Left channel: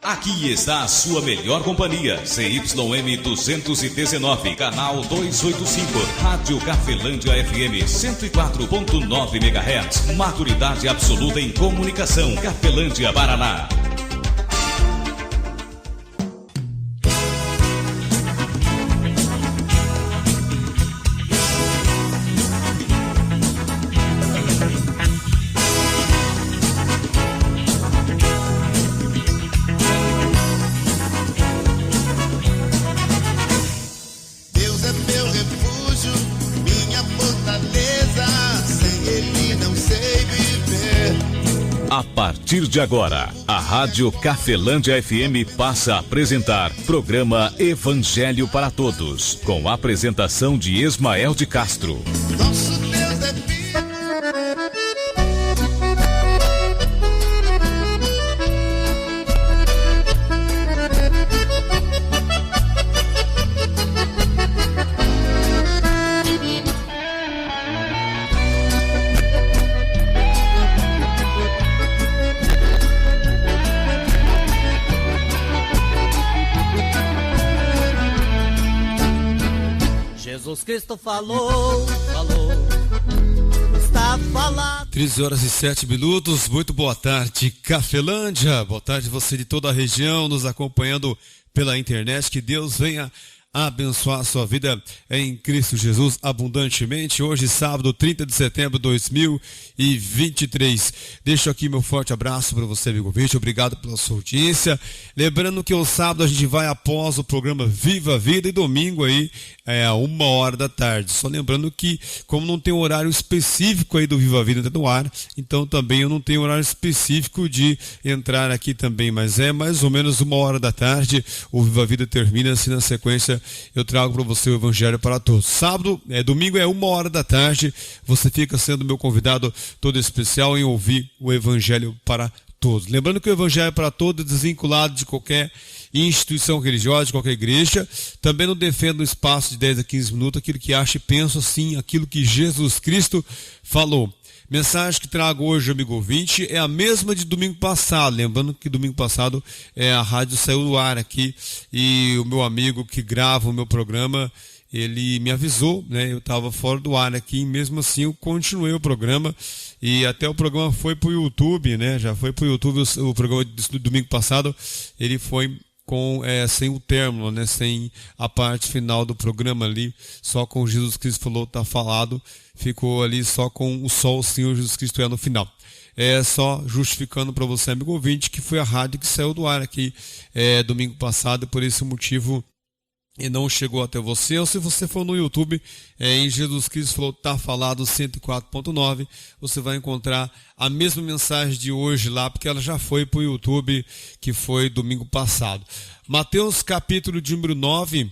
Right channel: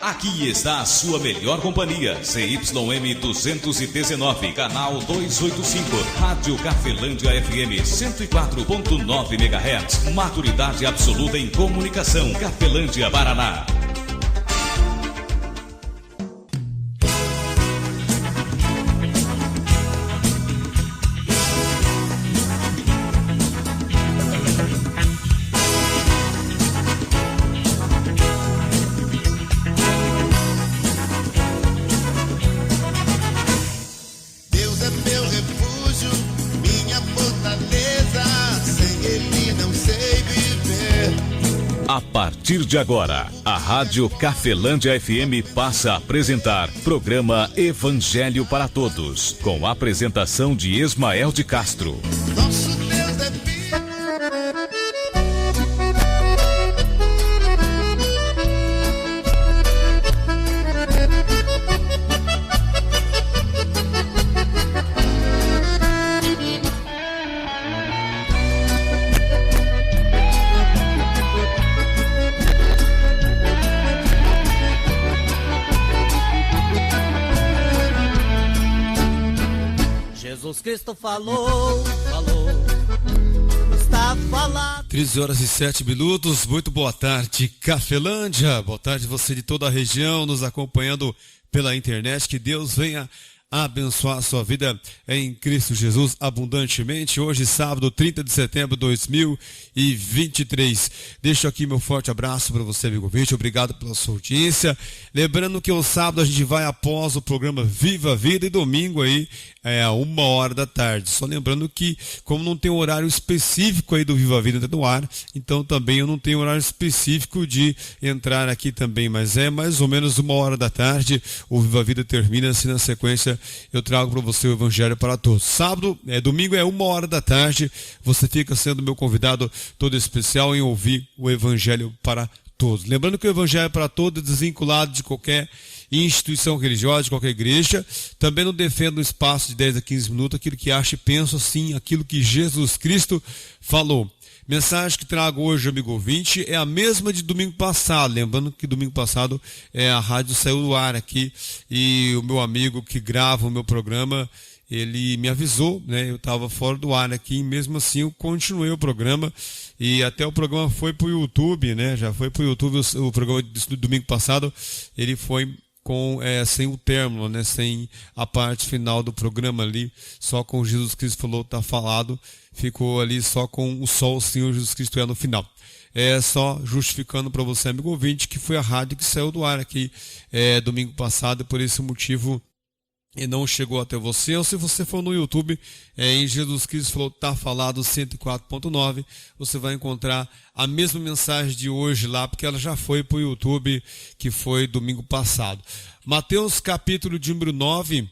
Aqui está a sua melhor companhia, CYM 219, canal 285, Rádio Cafelândia FM 104.9 MHz, maturidade absoluta em comunicação, Cafelândia, Paraná. A partir de agora, a Rádio Cafelândia FM passa a apresentar programa Evangelho para Todos, com a apresentação de Ismael de Castro. Nosso Deus é Jesus Cristo falou, está falando. 13 horas e 7 minutos, muito boa tarde, Cafelândia. Boa tarde você de toda a região nos acompanhando pela internet. Que Deus venha abençoar a sua vida em Cristo Jesus abundantemente. Hoje, sábado, 30 de setembro de 2023. Deixo aqui meu forte abraço para você, amigo ouvinte. Obrigado pela sua audiência. Lembrando que o sábado a gente vai após o programa Viva a Vida e domingo aí é 1h da tarde. Só lembrando que, como não tem horário específico aí do Viva a Vida no ar, então também eu não tenho horário específico de entrar aqui também, mas é mais ou menos 1h da tarde. O Viva a Vida termina assim na sequência. Eu trago para você o Evangelho para Todos. Domingo é 1h da tarde. Você fica sendo meu convidado todo especial em ouvir o Evangelho para Todos. Lembrando que o Evangelho para Todos é desvinculado de qualquer instituição religiosa, de qualquer igreja. Também não defendo um espaço de 10 a 15 minutos, aquilo que acha e penso assim, aquilo que Jesus Cristo falou. Mensagem que trago hoje, amigo ouvinte, é a mesma de domingo passado. Lembrando que domingo passado a rádio saiu do ar aqui e o meu amigo que grava o meu programa, ele me avisou, né? Eu estava fora do ar aqui e mesmo assim eu continuei o programa e até o programa foi para o YouTube, né? Já foi para o YouTube o programa do domingo passado, ele foi sem o término, né? Sem a parte final do programa ali, só com Jesus Cristo falou, tá falado. Ficou ali só com o Sol, o Senhor Jesus Cristo no final. Só justificando para você, amigo ouvinte, que foi a rádio que saiu do ar aqui domingo passado, e por esse motivo e não chegou até você. Ou se você for no YouTube, em Jesus Cristo tá falado 104.9, você vai encontrar a mesma mensagem de hoje lá, porque ela já foi para o YouTube, que foi domingo passado. Mateus capítulo de número 9,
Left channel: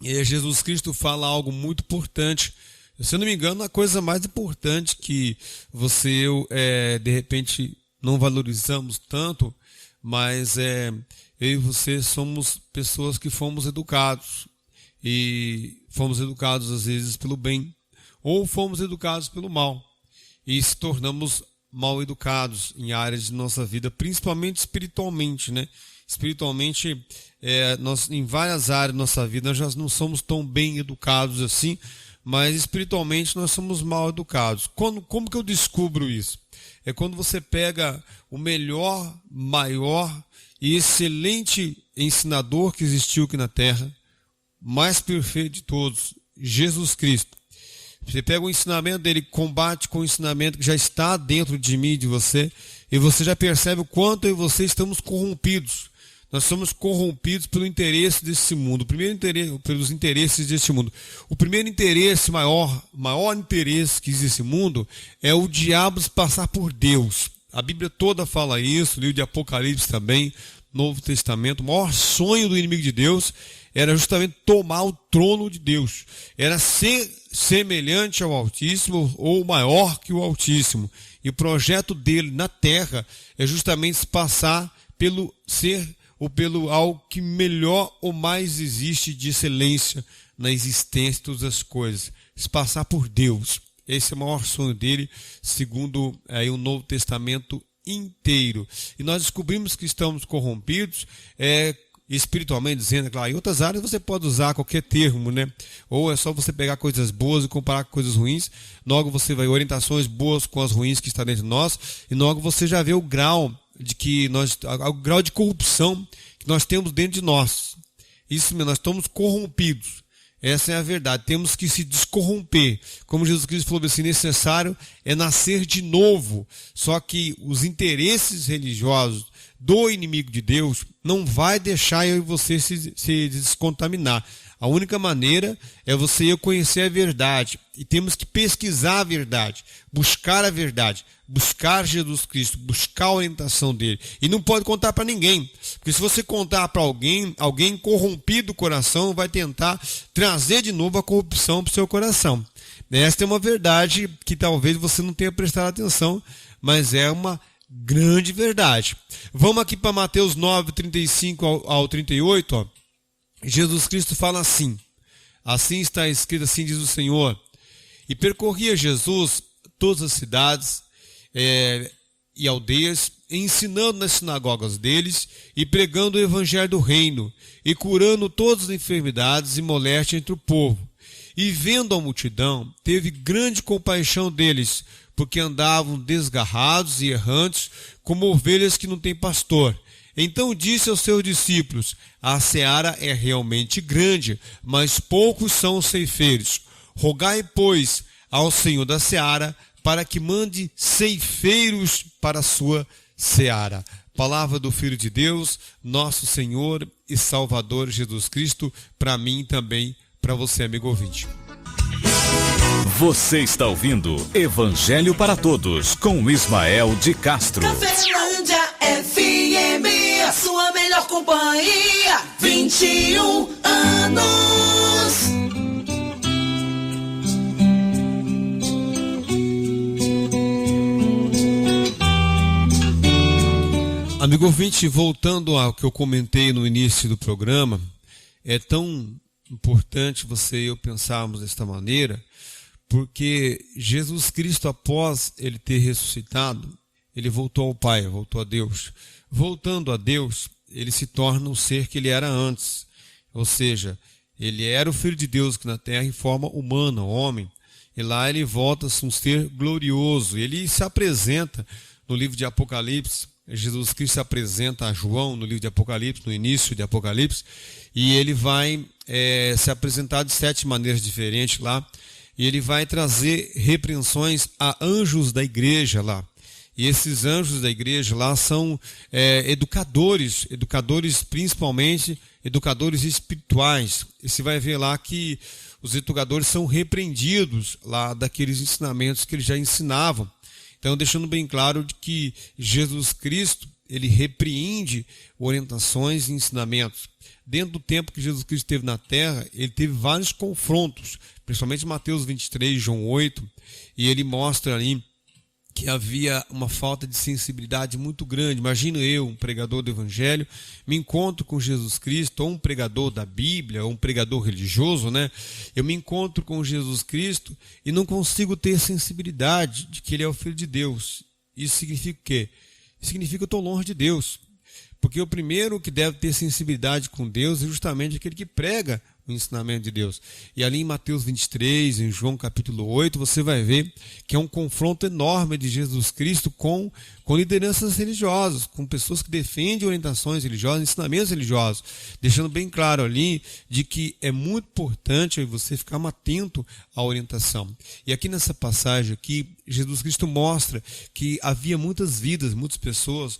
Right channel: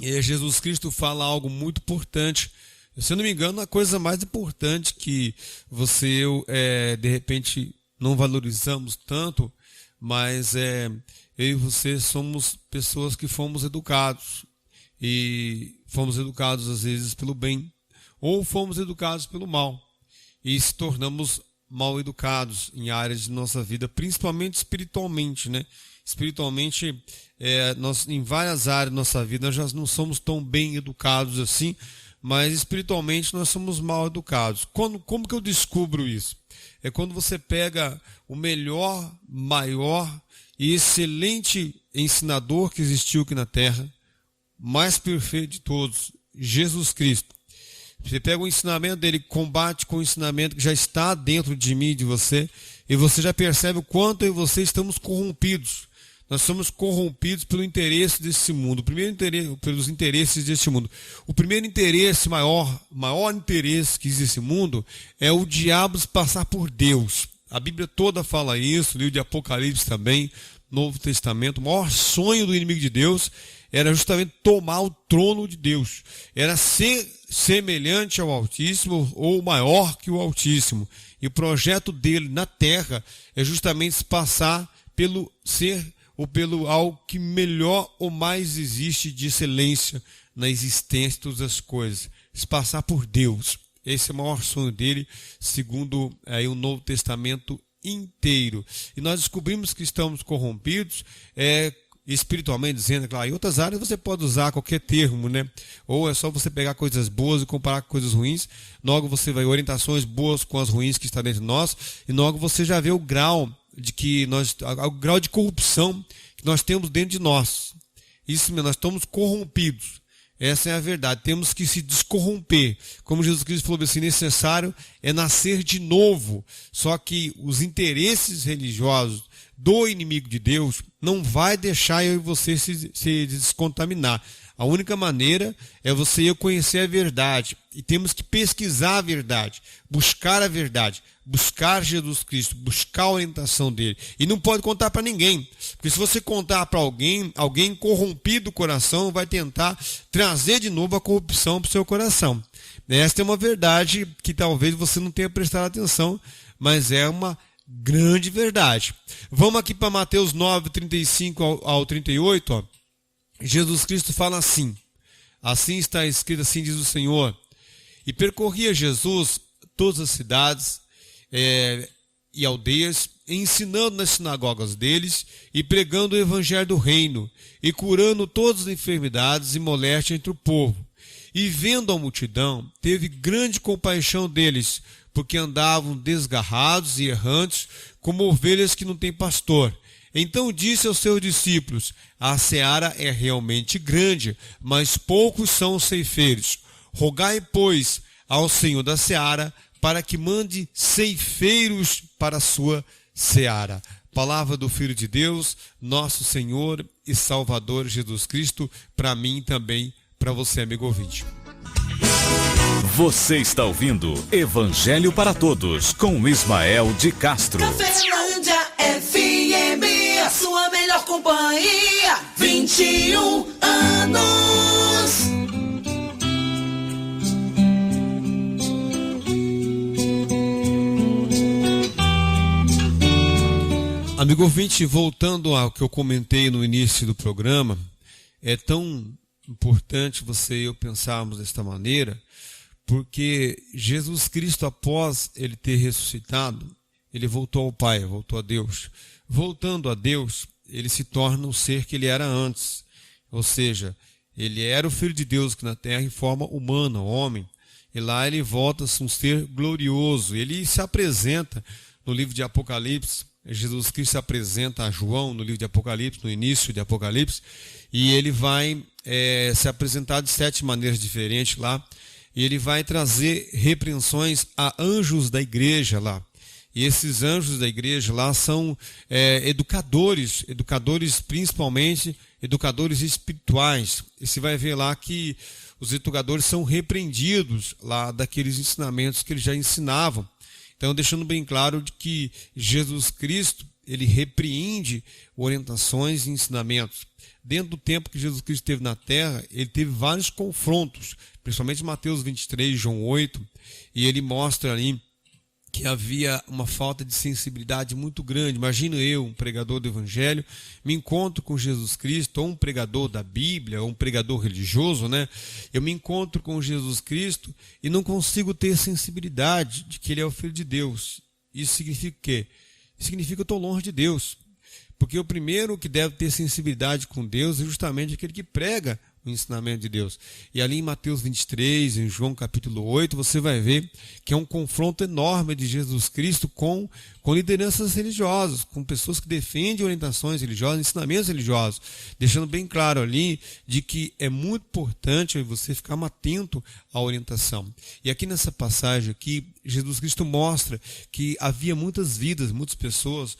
Jesus Cristo fala algo muito importante. Se eu não me engano, a coisa mais importante que você de repente não valorizamos tanto, mas eu e você somos pessoas que fomos educados, e fomos educados às vezes pelo bem, ou fomos educados pelo mal, e se tornamos mal educados em áreas de nossa vida, principalmente espiritualmente, né? Espiritualmente, nós em várias áreas da nossa vida nós já não somos tão bem educados assim, mas espiritualmente nós somos mal educados. Como que eu descubro isso? É quando você pega o melhor, maior e excelente ensinador que existiu aqui na Terra, mais perfeito de todos, Jesus Cristo. Você pega o ensinamento dele, combate com o ensinamento que já está dentro de mim e de você, e você já percebe o quanto eu e você estamos corrompidos. Nós somos corrompidos pelo interesse desse mundo, pelos interesses desse mundo. O primeiro interesse, maior interesse que existe nesse mundo é o diabo se passar por Deus. A Bíblia toda fala isso, o livro de Apocalipse também, Novo Testamento. O maior sonho do inimigo de Deus era justamente tomar o trono de Deus. Era ser semelhante ao Altíssimo ou maior que o Altíssimo. E o projeto dele na terra é justamente se passar pelo ser ou pelo algo que melhor ou mais existe de excelência na existência de todas as coisas. Se passar por Deus. Esse é o maior sonho dele, segundo o Novo Testamento inteiro. E nós descobrimos que estamos corrompidos, espiritualmente dizendo, claro, em outras áreas você pode usar qualquer termo, né? Ou é só você pegar coisas boas e comparar com coisas ruins, logo você vai orientações boas com as ruins que estão dentro de nós, e logo você já vê o grau o grau de corrupção que nós temos dentro de nós. Isso mesmo, nós estamos corrompidos. Essa é a verdade. Temos que se descorromper. Como Jesus Cristo falou assim, necessário é nascer de novo. Só que os interesses religiosos do inimigo de Deus não vai deixar eu e você se descontaminar. A única maneira é você conhecer a verdade. E temos que pesquisar a verdade, buscar a verdade, buscar Jesus Cristo, buscar a orientação dele. E não pode contar para ninguém. Porque se você contar para alguém corrompido o coração vai tentar trazer de novo a corrupção para o seu coração. Esta é uma verdade que talvez você não tenha prestado atenção, mas é uma grande verdade. Vamos aqui para Mateus 9, 35 ao 38, ó. Jesus Cristo fala assim, assim está escrito, assim diz o Senhor, e percorria Jesus todas as cidades e aldeias, ensinando nas sinagogas deles e pregando o evangelho do reino e curando todas as enfermidades e moléstias entre o povo. E vendo a multidão, teve grande compaixão deles, porque andavam desgarrados e errantes, como ovelhas que não têm pastor. Então disse aos seus discípulos, a seara é realmente grande, mas poucos são os ceifeiros. Rogai, pois, ao Senhor da seara, para que mande ceifeiros para a sua seara. Palavra do Filho de Deus, nosso Senhor e Salvador Jesus Cristo, para mim também, para você, amigo ouvinte. Você está ouvindo Evangelho para Todos, com Ismael de Castro. Cafelândia FM, a sua melhor companhia, 21 anos. Amigo ouvinte, voltando ao que eu comentei no início do programa, é tão importante você e eu pensarmos desta maneira, porque Jesus Cristo, após ele ter ressuscitado, ele voltou ao Pai, voltou a Deus. Voltando a Deus, ele se torna o ser que ele era antes. Ou seja, ele era o Filho de Deus que na terra em forma humana, homem. E lá ele volta-se um ser glorioso. Ele se apresenta no livro de Apocalipse. Jesus Cristo se apresenta a João no livro de Apocalipse, no início de Apocalipse. E ele vai se apresentar de 7 maneiras diferentes lá. E ele vai trazer repreensões a anjos da igreja lá. E esses anjos da igreja lá são educadores principalmente, educadores espirituais. E você vai ver lá que os educadores são repreendidos lá daqueles ensinamentos que eles já ensinavam. Então, deixando bem claro de que Jesus Cristo, ele repreende orientações e ensinamentos. Dentro do tempo que Jesus Cristo esteve na terra, ele teve vários confrontos, principalmente Mateus 23, João 8, e ele mostra ali que havia uma falta de sensibilidade muito grande. Imagina eu, um pregador do Evangelho, me encontro com Jesus Cristo, ou um pregador da Bíblia, ou um pregador religioso, né? Eu me encontro com Jesus Cristo e não consigo ter sensibilidade de que Ele é o Filho de Deus. Isso significa o quê? Significa que eu estou longe de Deus. Porque o primeiro que deve ter sensibilidade com Deus é justamente aquele que prega o ensinamento de Deus. E ali em Mateus 23, em João capítulo 8, você vai ver que é um confronto enorme de Jesus Cristo com lideranças religiosas, com pessoas que defendem orientações religiosas, ensinamentos religiosos, deixando bem claro ali de que é muito importante você ficar atento à orientação. E aqui nessa passagem aqui, Jesus Cristo mostra que havia muitas vidas, muitas pessoas,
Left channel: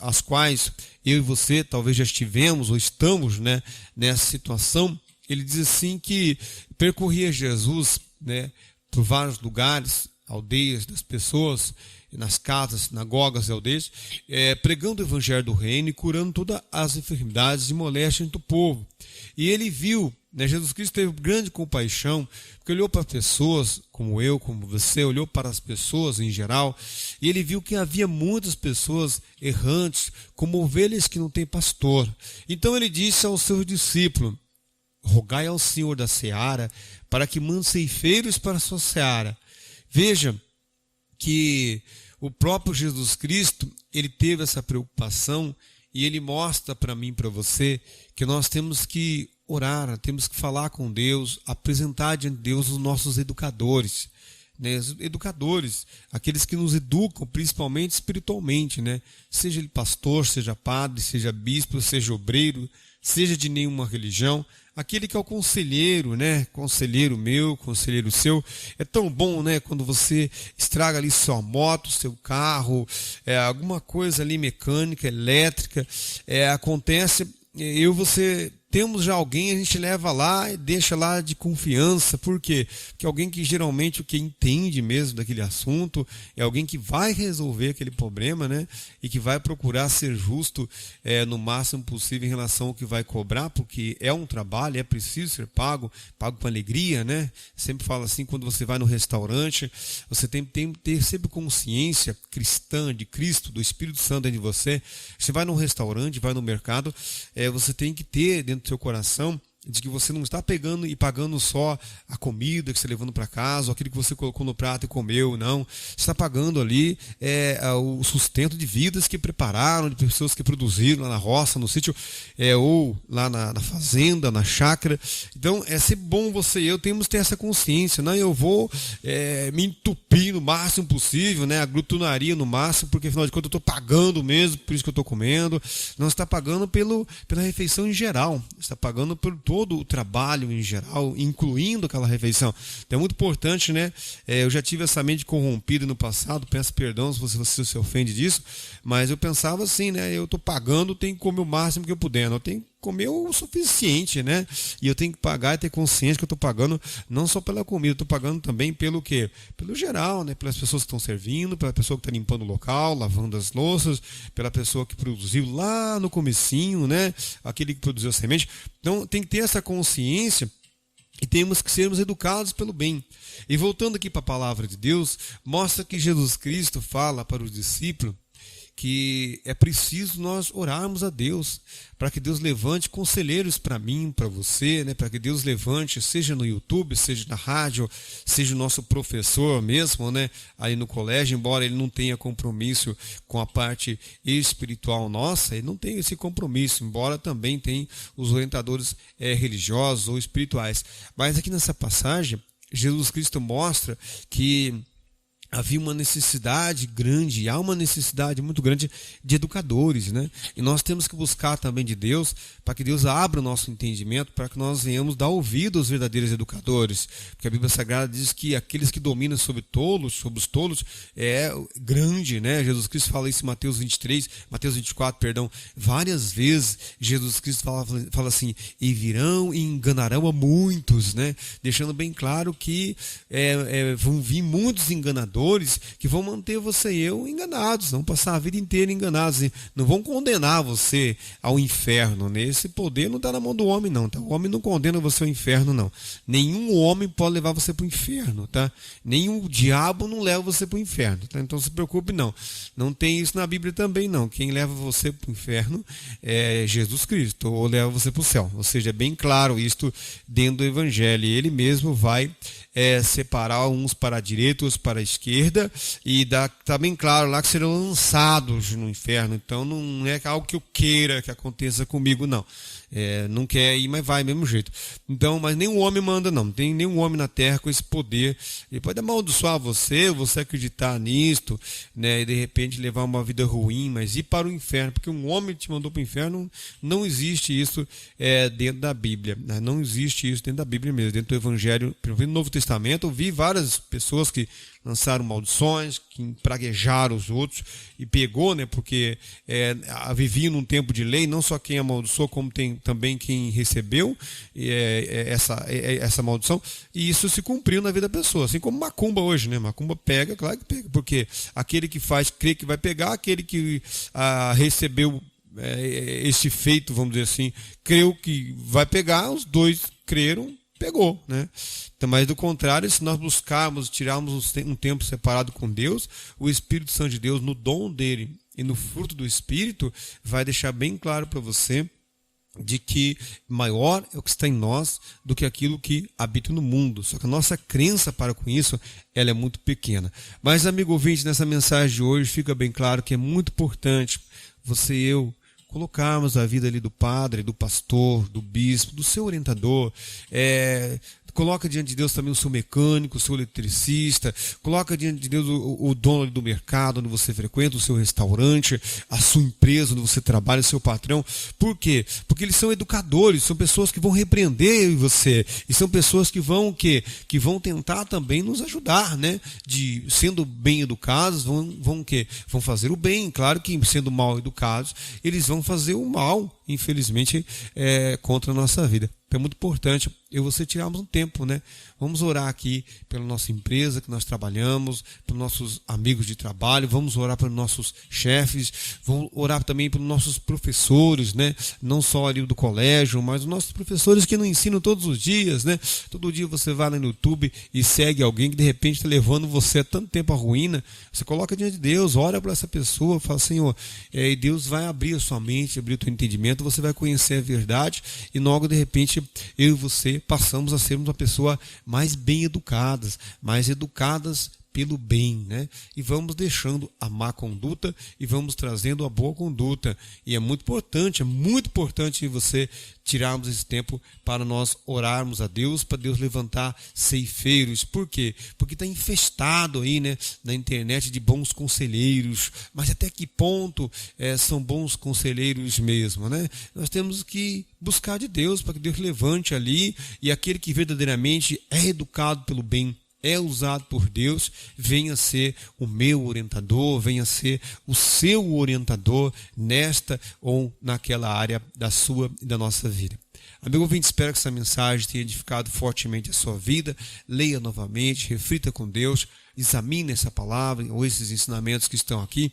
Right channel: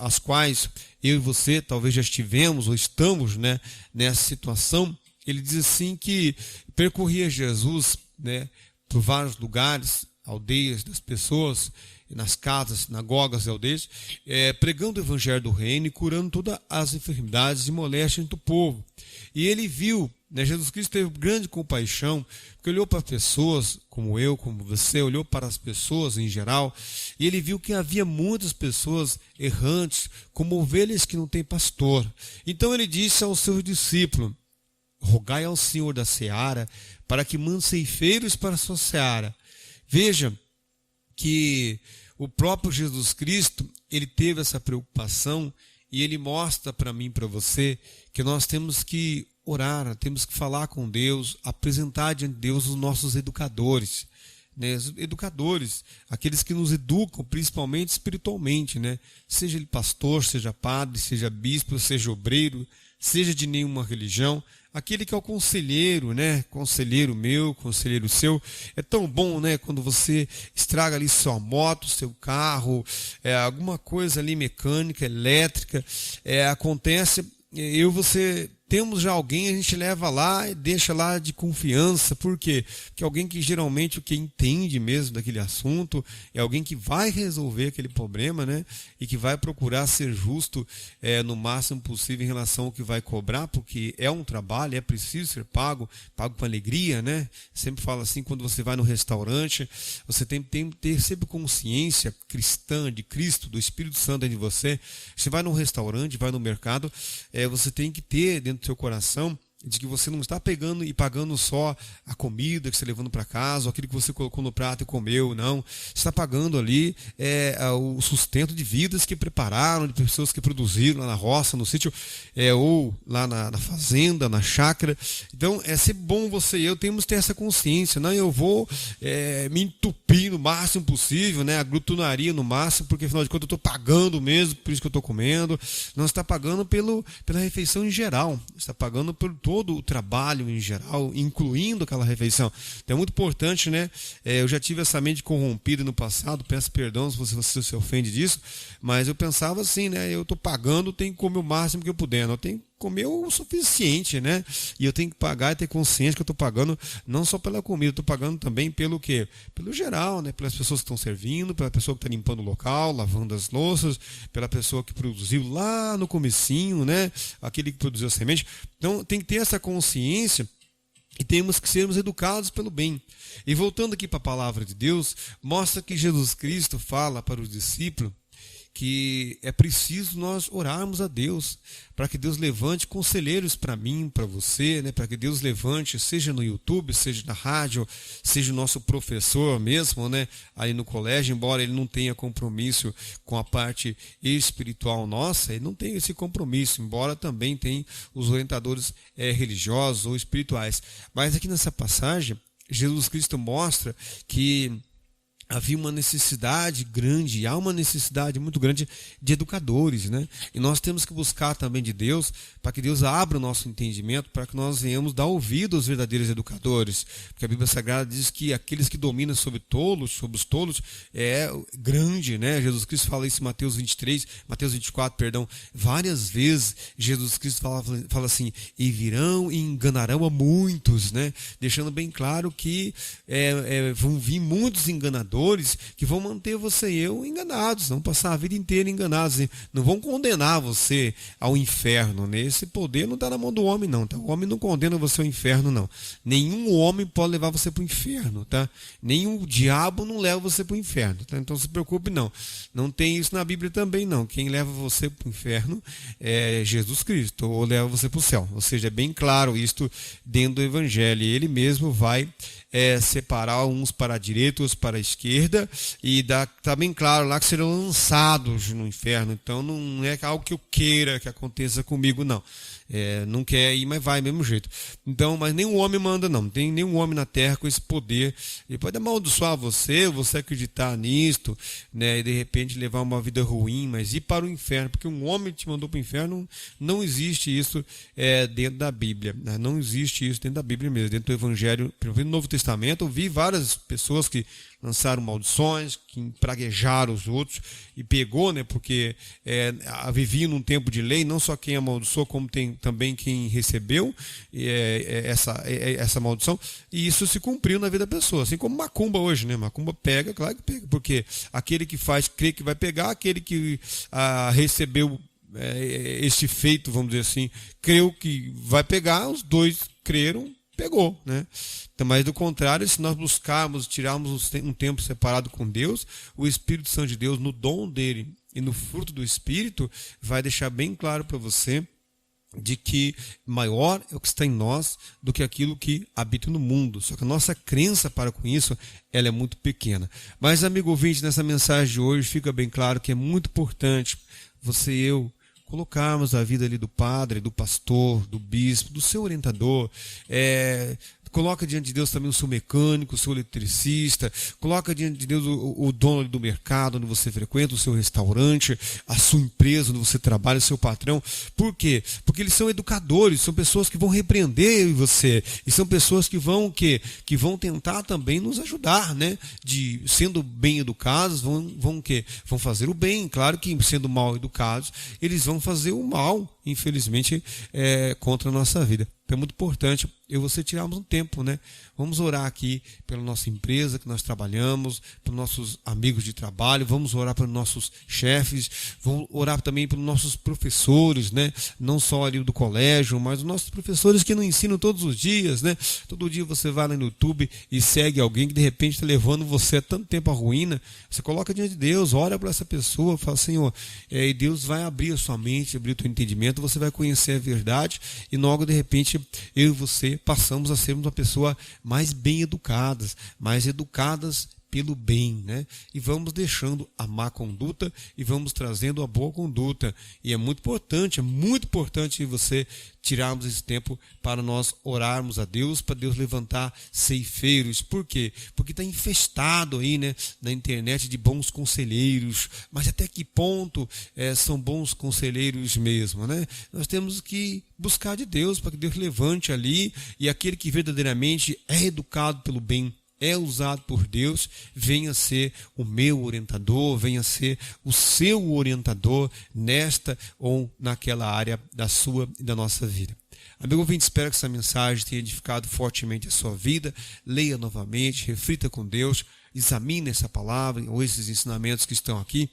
as quais eu e você talvez já estivemos ou estamos, né, nessa situação. Ele diz assim que percorria Jesus, né, por vários lugares, aldeias das pessoas, nas casas, sinagogas e aldeias, pregando o evangelho do reino e curando todas as enfermidades e moléstias do povo. E ele viu, né, Jesus Cristo teve grande compaixão, porque olhou para pessoas como eu, como você, olhou para as pessoas em geral, e ele viu que havia muitas pessoas errantes, como ovelhas que não têm pastor. Então ele disse ao seu discípulo: rogai ao Senhor da seara, para que mande ceifeiros para a sua seara. Veja que o próprio Jesus Cristo, ele teve essa preocupação e ele mostra para mim e para você que nós temos que orar, temos que falar com Deus, apresentar diante de Deus os nossos educadores, né? Os educadores, aqueles que nos educam, principalmente espiritualmente, né? Seja ele pastor, seja padre, seja bispo, seja obreiro, seja de nenhuma religião, aquele que é o conselheiro, né? Conselheiro meu, conselheiro seu. É tão bom, né? Quando você estraga ali sua moto, seu carro, alguma coisa ali mecânica, elétrica, acontece, eu e você temos já alguém, a gente leva lá e deixa lá de confiança. Por quê? Porque alguém que geralmente o que entende mesmo daquele assunto é alguém que vai resolver aquele problema, né? E que vai procurar ser justo no máximo possível em relação ao que vai cobrar, porque é um trabalho, é preciso ser pago com alegria, né? Sempre falo assim, quando você vai no restaurante, você tem que ter sempre consciência cristã de Cristo, do Espírito Santo dentro de você. Você vai no restaurante, vai no mercado, você tem que ter dentro do seu coração de que você não está pegando e pagando só a comida que você está levando para casa, ou aquilo que você colocou no prato e comeu, não. Você está pagando ali o sustento de vidas que prepararam, de pessoas que produziram lá na roça, no sítio, ou lá na fazenda, na chácara. Então, é sempre bom você e eu temos que ter essa consciência. Não, eu vou me entupir no máximo possível, né? A glutonaria no máximo, porque afinal de contas eu estou pagando mesmo, por isso que eu estou comendo. Não, você está pagando pela refeição em geral. Você está pagando por todo o trabalho em geral, incluindo aquela refeição. Então é muito importante, né? Eu já tive essa mente corrompida no passado, peço perdão se você se ofende disso, mas eu pensava assim, né? Eu estou pagando, tenho que comer o máximo que eu puder, eu tenho que comer o suficiente, né? E eu tenho que pagar e ter consciência que eu estou pagando não só pela comida, eu estou pagando também pelo quê? Pelo geral, né? Pelas pessoas que estão servindo, pela pessoa que está limpando o local, lavando as louças, pela pessoa que produziu lá no comecinho, né? Aquele que produziu a semente. Então tem que ter essa consciência e temos que sermos educados pelo bem. E voltando aqui para a palavra de Deus, mostra que Jesus Cristo fala para os discípulos que é preciso nós orarmos a Deus, para que Deus levante conselheiros para mim, para você, né? Para que Deus levante, seja no YouTube, seja na rádio, seja o nosso professor mesmo, né? Aí no colégio, embora ele não tenha compromisso com a parte espiritual nossa, ele não tem esse compromisso, embora também tenha os orientadores religiosos ou espirituais. Mas aqui nessa passagem, Jesus Cristo mostra que havia uma necessidade grande, há uma necessidade muito grande de educadores, né? E nós temos que buscar também de Deus, para que Deus abra o nosso entendimento, para que nós venhamos dar ouvido aos verdadeiros educadores. Porque a Bíblia Sagrada diz que aqueles que dominam sobre os tolos, é grande, né? Jesus Cristo fala isso em Mateus 24, perdão, várias vezes Jesus Cristo fala assim, e virão e enganarão a muitos, né? Deixando bem claro que vão vir muitos enganadores, que vão manter você e eu enganados, vão passar a vida inteira enganados, não vão condenar você ao inferno, né? Esse poder não está na mão do homem, não, tá? O homem não condena você ao inferno, não. Nenhum homem pode levar você para o inferno, tá? Nem o diabo não leva você para o inferno, tá? Então não se preocupe, não. Não tem isso na Bíblia também, não. Quem leva você para o inferno é Jesus Cristo, ou leva você para o céu. Ou seja, é bem claro isto dentro do Evangelho, e ele mesmo vai separar uns para a direita, outros para a esquerda, e está bem claro lá que serão lançados no inferno. Então não é algo que eu queira que aconteça comigo, não. Não quer ir, mas vai do mesmo jeito. Então, mas nenhum homem manda, não tem nenhum homem na terra com esse poder. Ele pode amaldiçoar você acreditar nisto, né, e de repente levar uma vida ruim, mas ir para o inferno, porque um homem te mandou para o inferno, não existe isso dentro da Bíblia, né? Não existe isso dentro da Bíblia mesmo, dentro do Evangelho, no Novo Testamento. Eu vi várias pessoas que lançaram maldições, que praguejaram os outros, e pegou, né, porque vivia num tempo de lei, não só quem amaldiçoou, como tem também quem recebeu essa maldição, e isso se cumpriu na vida da pessoa, assim como macumba hoje, né? Macumba pega, claro que pega, porque aquele que faz crê que vai pegar, aquele que recebeu esse feito, vamos dizer assim, creu que vai pegar, os dois creram, pegou, né? Então, mas do contrário, se nós buscarmos, tirarmos um tempo separado com Deus, o Espírito Santo de Deus, no dom dele e no fruto do Espírito, vai deixar bem claro para você de que maior é o que está em nós do que aquilo que habita no mundo. Só que a nossa crença para com isso, ela é muito pequena. Mas, amigo ouvinte, nessa mensagem de hoje fica bem claro que é muito importante você e eu colocarmos a vida ali do padre, do pastor, do bispo, do seu orientador. Coloca diante de Deus também o seu mecânico, o seu eletricista, coloca diante de Deus o dono do mercado onde você frequenta, o seu restaurante, a sua empresa onde você trabalha, o seu patrão. Por quê? Porque eles são educadores, são pessoas que vão repreender você, e são pessoas que vão tentar também nos ajudar, né? Sendo bem educados, vão fazer o bem. Claro que sendo mal educados, eles vão fazer o mal, infelizmente, contra a nossa vida. Então é muito importante eu e você tirarmos um tempo, né? Vamos orar aqui pela nossa empresa que nós trabalhamos, pelos nossos amigos de trabalho, vamos orar pelos nossos chefes, vamos orar também pelos nossos professores, né? Não só ali do colégio, mas os nossos professores que nos ensinam todos os dias, né? Todo dia você vai no YouTube e segue alguém que de repente está levando você há tanto tempo à ruína. Você coloca diante de Deus, ora para essa pessoa, fala, Senhor, e Deus vai abrir a sua mente, abrir o teu entendimento, você vai conhecer a verdade e logo de repente eu e você passamos a sermos uma pessoa mais bem educadas, pelo bem, né? E vamos deixando a má conduta e vamos trazendo a boa conduta. E é muito importante você tirarmos esse tempo para nós orarmos a Deus, para Deus levantar ceifeiros. Por quê? Porque está infestado aí, né, na internet de bons conselheiros. Mas até que ponto são bons conselheiros mesmo, né? Nós temos que buscar de Deus para que Deus levante ali, e aquele que verdadeiramente é educado pelo bem, é usado por Deus, venha ser o meu orientador, venha ser o seu orientador nesta ou naquela área da sua e da nossa vida. Amigo ouvinte, espero que essa mensagem tenha edificado fortemente a sua vida. Leia novamente, reflita com Deus, examine essa palavra ou esses ensinamentos que estão aqui,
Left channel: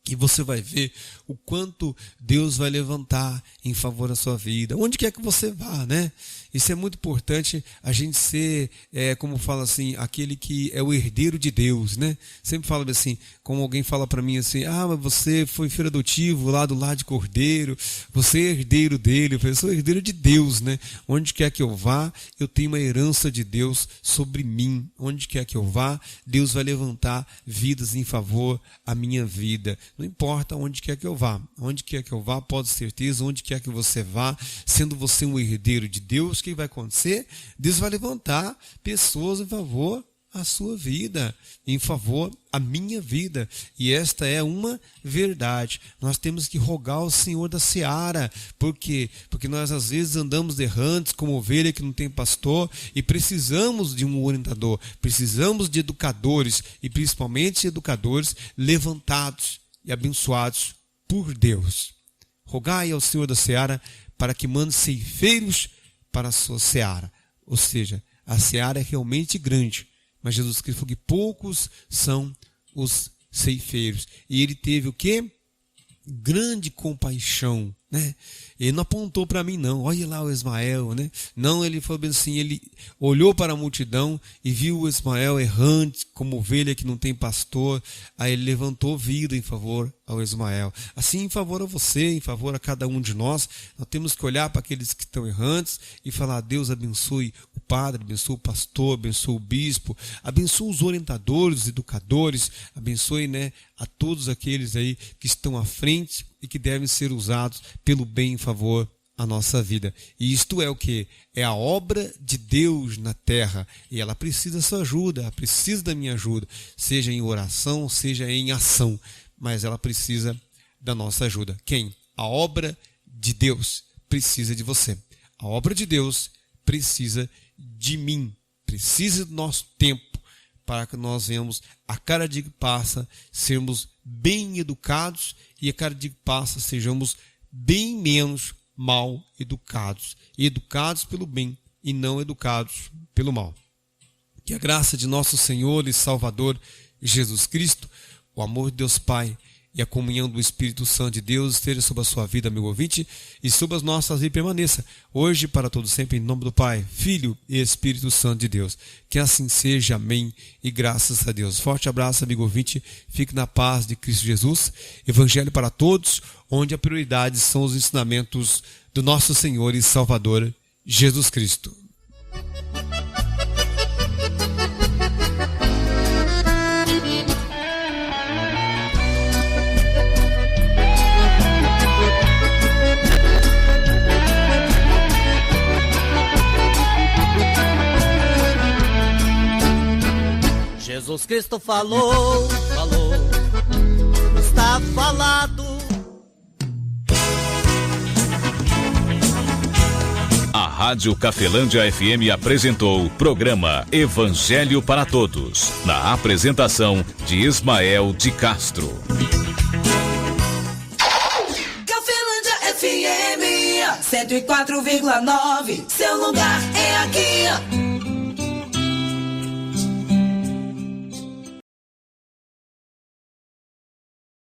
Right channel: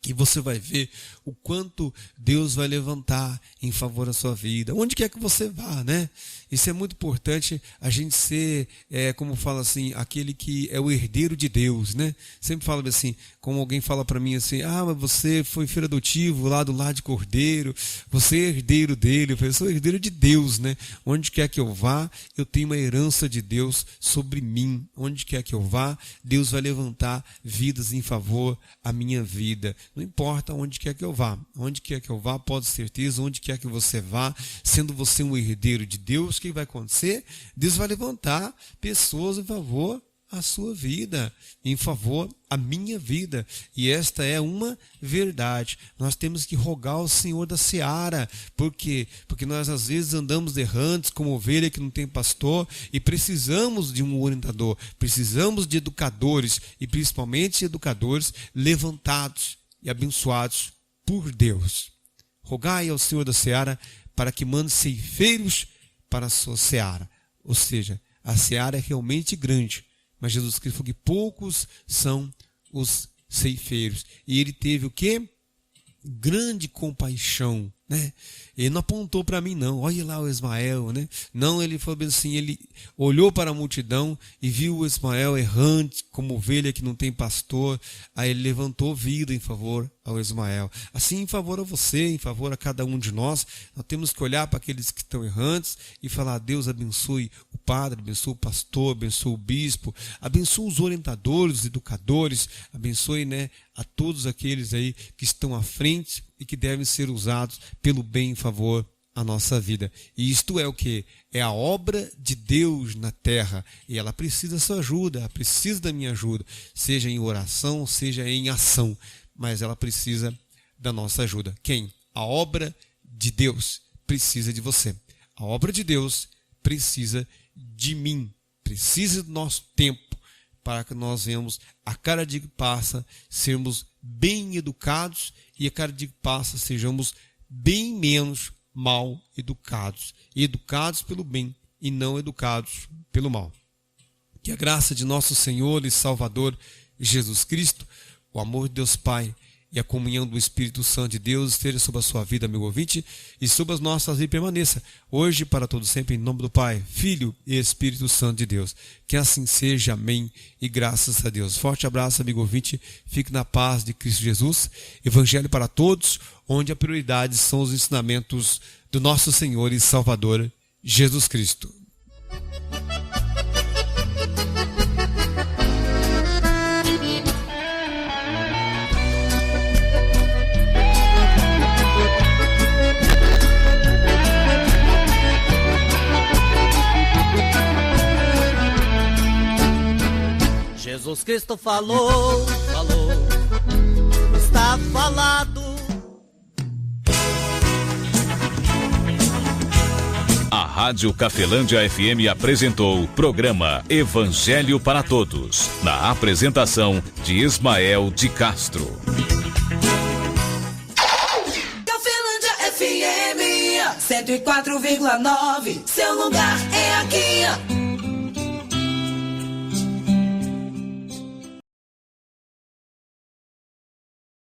que você vai ver o quanto Deus vai levantar em favor da sua vida, onde quer que você vá, né? Isso é muito importante, a gente ser, como fala assim, aquele que é o herdeiro de Deus, né? Sempre falo assim, como alguém fala para mim assim, mas você foi filho adotivo lá do lar de Cordeiro, você é herdeiro dele. Eu sou herdeiro de Deus, né? Onde quer que eu vá, eu tenho uma herança de Deus sobre mim. Onde quer que eu vá, Deus vai levantar vidas em favor à minha vida. Não importa onde quer que eu vá, pode ter certeza, onde quer que você vá, sendo você um herdeiro de Deus, o que vai acontecer? Deus vai levantar pessoas em favor à sua vida, em favor à minha vida. E esta é uma verdade. Nós temos que rogar ao Senhor da seara. Por quê? Porque nós às vezes andamos errantes como ovelha que não tem pastor e precisamos de um orientador, precisamos de educadores e principalmente educadores levantados e abençoados por Deus. Rogai ao Senhor da seara para que mande ceifeiros para a sua seara. Ou seja, a seara é realmente grande, mas Jesus Cristo falou que poucos são os ceifeiros. E ele teve o quê? Grande compaixão, né? Ele não apontou para mim, não. Olha lá o Ismael, né? Não, ele falou assim, ele olhou para a multidão e viu o Ismael errante, como ovelha que não tem pastor. Aí ele levantou vida em favor ao Ismael. Assim, em favor a você, em favor a cada um de nós, nós temos que olhar para aqueles que estão errantes e falar, Deus abençoe o padre, abençoe o pastor, abençoe o bispo, abençoe os orientadores, os educadores, abençoe, né, a todos aqueles aí que estão à frente e que devem ser usados pelo bem em favor à nossa vida. E isto é o que? É a obra de Deus na terra. E ela precisa da sua ajuda, ela precisa da minha ajuda, seja em oração, seja em ação. Mas ela precisa da nossa ajuda. Quem? A obra de Deus precisa de você. A obra de Deus precisa de mim, precisa do nosso tempo, para que nós venhamos, a cada dia que passa, sermos bem educados e a cada dia que passa, sejamos bem menos mal educados. E educados pelo bem e não educados pelo mal. Que a graça de nosso Senhor e Salvador Jesus Cristo, o amor de Deus Pai e a comunhão do Espírito Santo de Deus esteja sobre a sua vida, amigo ouvinte, e sobre as nossas vidas permaneça, hoje e para todo sempre, em nome do Pai, Filho e Espírito Santo de Deus. Que assim seja, amém, e graças a Deus. Forte abraço, amigo ouvinte, fique na paz de Cristo Jesus. Evangelho para todos, onde a prioridade são os ensinamentos do nosso Senhor e Salvador, Jesus Cristo. Jesus Cristo falou, está falado. A Rádio Cafelândia FM apresentou o programa Evangelho para Todos, na apresentação de Ismael de Castro. Cafelândia FM 104,9, seu lugar é aqui.